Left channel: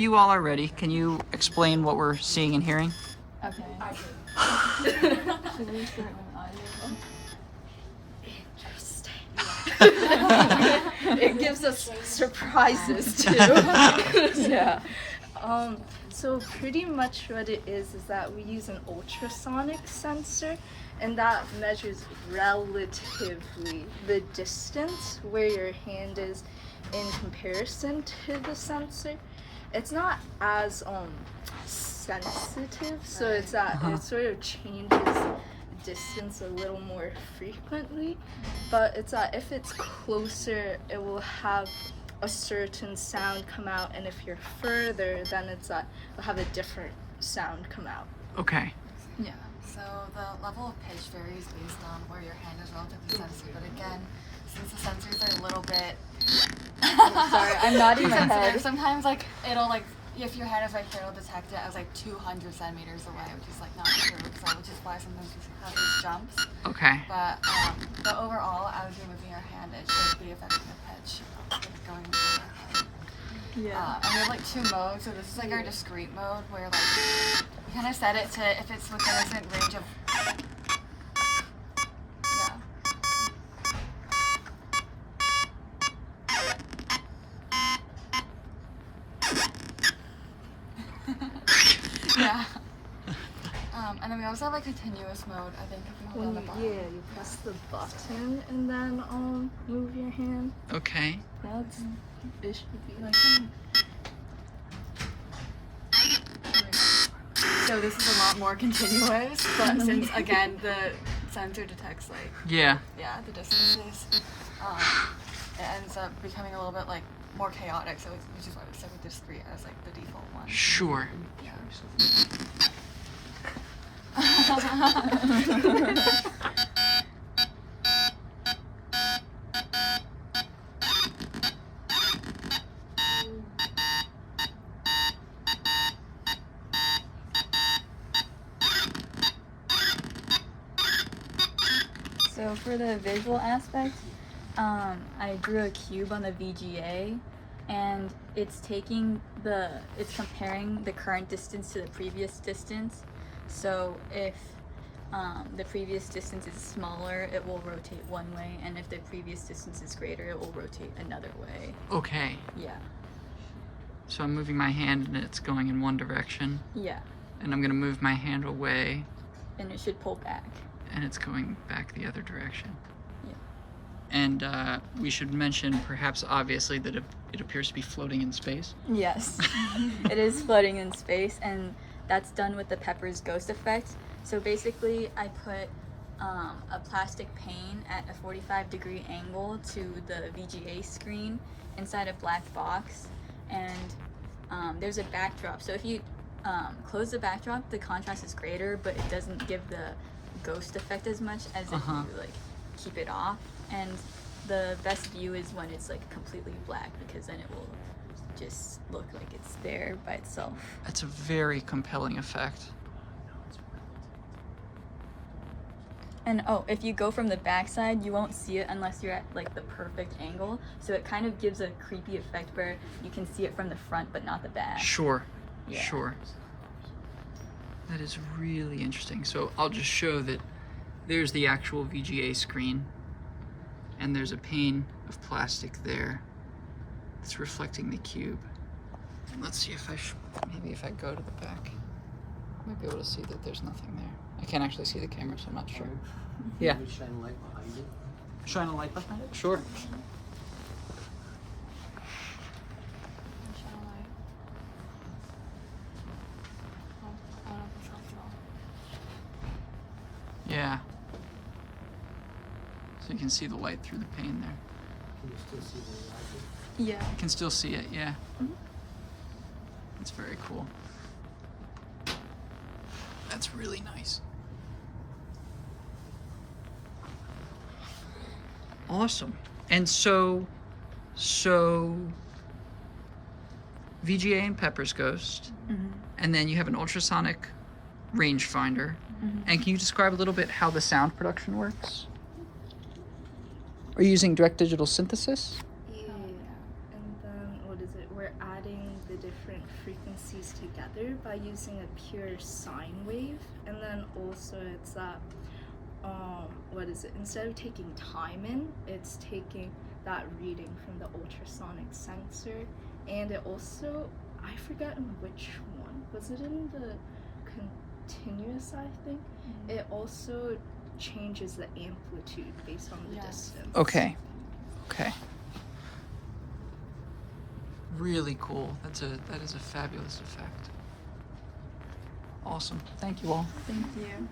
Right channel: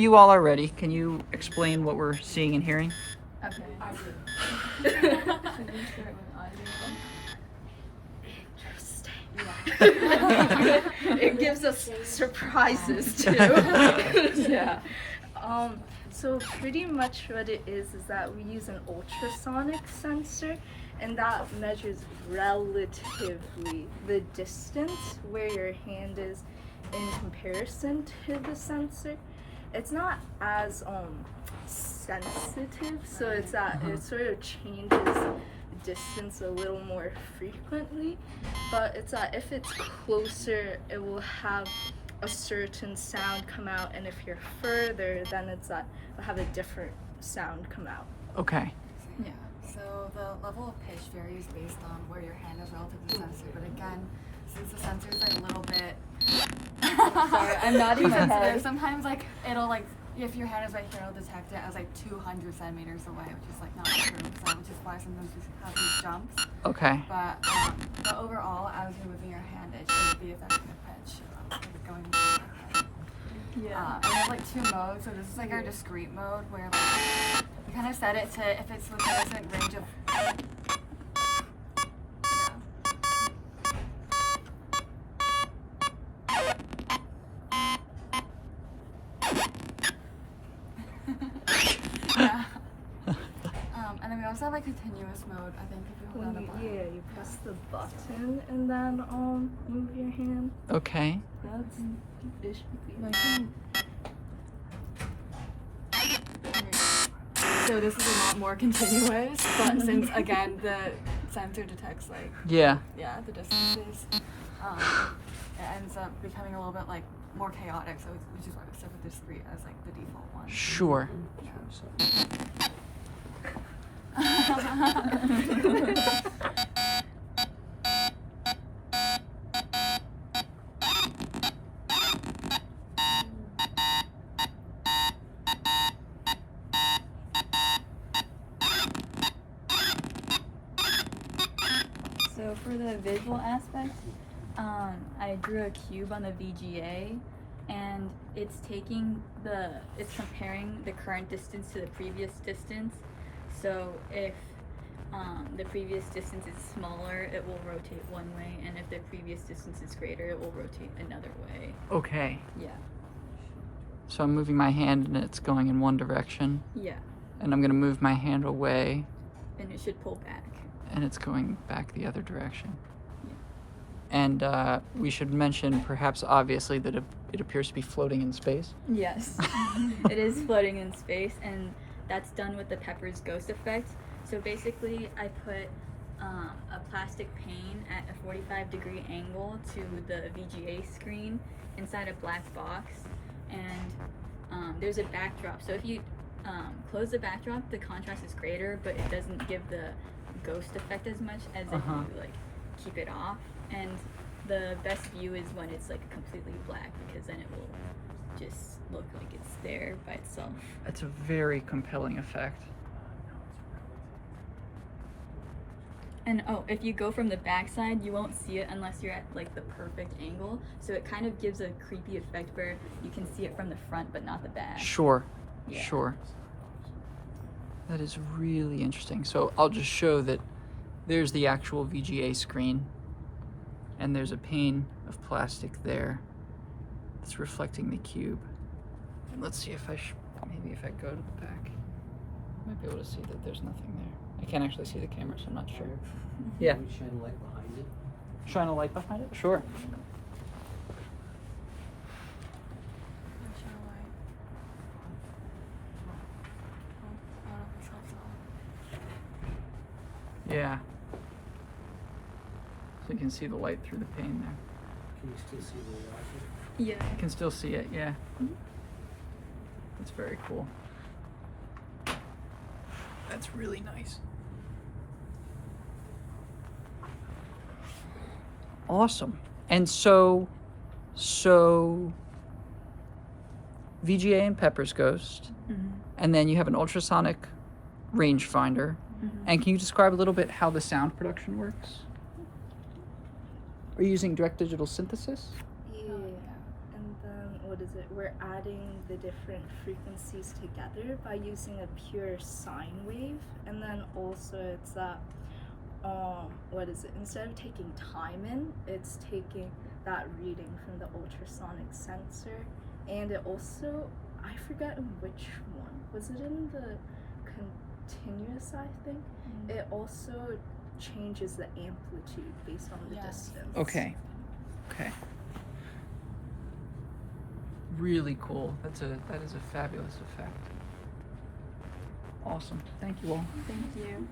You all are ready. Can you explain what we're seeing and hearing? Okay. It gives us surprises too. Yeah. So pretty much what it is that we use an ultrasonic sensor, and that measures relatively the distance where your hand is in comparison to the sensor. It's not as sensitive, so it's that it sort of changes distance a little more frequently, but it's that if it's closer, it will have a certain sound come out, and if you're further, then it's that it'll have a different sound come out. Okay. Yeah, so the level of pitch varies based on where your hand is relatively sensitive, but again, since the sensors are a little bit Sorry, I'm nodding my head. sensitive, sometimes like it'll like if your hand is right here, it'll detect it as like 200 centimeters away, which is like not true, which is why sometimes you have these jumps. Okay. But overall, as you're moving your hand, it should be affecting the pitch. Going Yeah. and we have like 2 modes, so this is like our discrete mode where like we kind of set it to if it's within a certain range of. Yeah. And then we also have like continuous mode. I think if you hold on the button. Yeah, you press the button and then move your hand. Okay. That's it should be like So this is a lot more continuous, but since again the sensor detects like Yeah. the distances, it ends up becoming a little bit like more chaotic. So which is why we set with discrete as like the default one. Sure. So for the visual aspect, I drew a cube on the VGA, and it's comparing the current distance to the previous distance. So if the previous distance is smaller, it will rotate one way, and if the previous distance is greater, it will rotate another way. Okay. Yeah. So I'm moving my hand and it's going in one direction, Yeah. and I'm gonna move my hand away And it should pull back. and it's going back the other direction. Yeah. And we should mention, perhaps obviously, that it appears to be floating in space. Yes. It is floating in space, and that's done with the Pepper's ghost effect. So basically, I put a plastic pane at a 45-degree angle to the VGA screen inside a black box, and there's a backdrop. So if you close the backdrop, the contrast is greater, but it doesn't give the ghost effect as much as if you like keep it off. And the best view is when it's like completely black, because then it will just look like it's there by itself. It's a very compelling effect. And if you go from the backside, you won't see it unless you're at like the perfect angle. So it kind of gives a creepy effect where you can see it from the front but not the back. Sure. Yeah. Sure. That is really interesting. So I'll just show that there's the actual VGA screen, and there's a pane of plastic there that's reflecting the cube. And let's see if maybe if I go to the back, I might be able to see that there's nothing there. I can't actually see the camera, so I'm not sure. Yeah. Can you shine a light behind it? Shine a light behind it? Sure. Yeah. So you can see the light through the pane there. Can you still see the light? Yeah. You can still see it, yeah. That's very cool. That's really nice. Awesome. And so VGA and Pepper's Ghost, and then you have an ultrasonic rangefinder. And can you describe a little bit how the sound production works? Are you using direct digital synthesis? Yeah, and then what is it? We're adding the different frequencies together by using a pure sine wave. And then also it's what is it? Instead of taking time in, it's taking that reading from the ultrasonic sensor. And it also, I forgot in which one. Was it in the continuous, I think? It also changes the amplitude based on the distance. Okay. Okay. Really cool. That is a fabulous effect. Awesome. Thank you all. Thank you.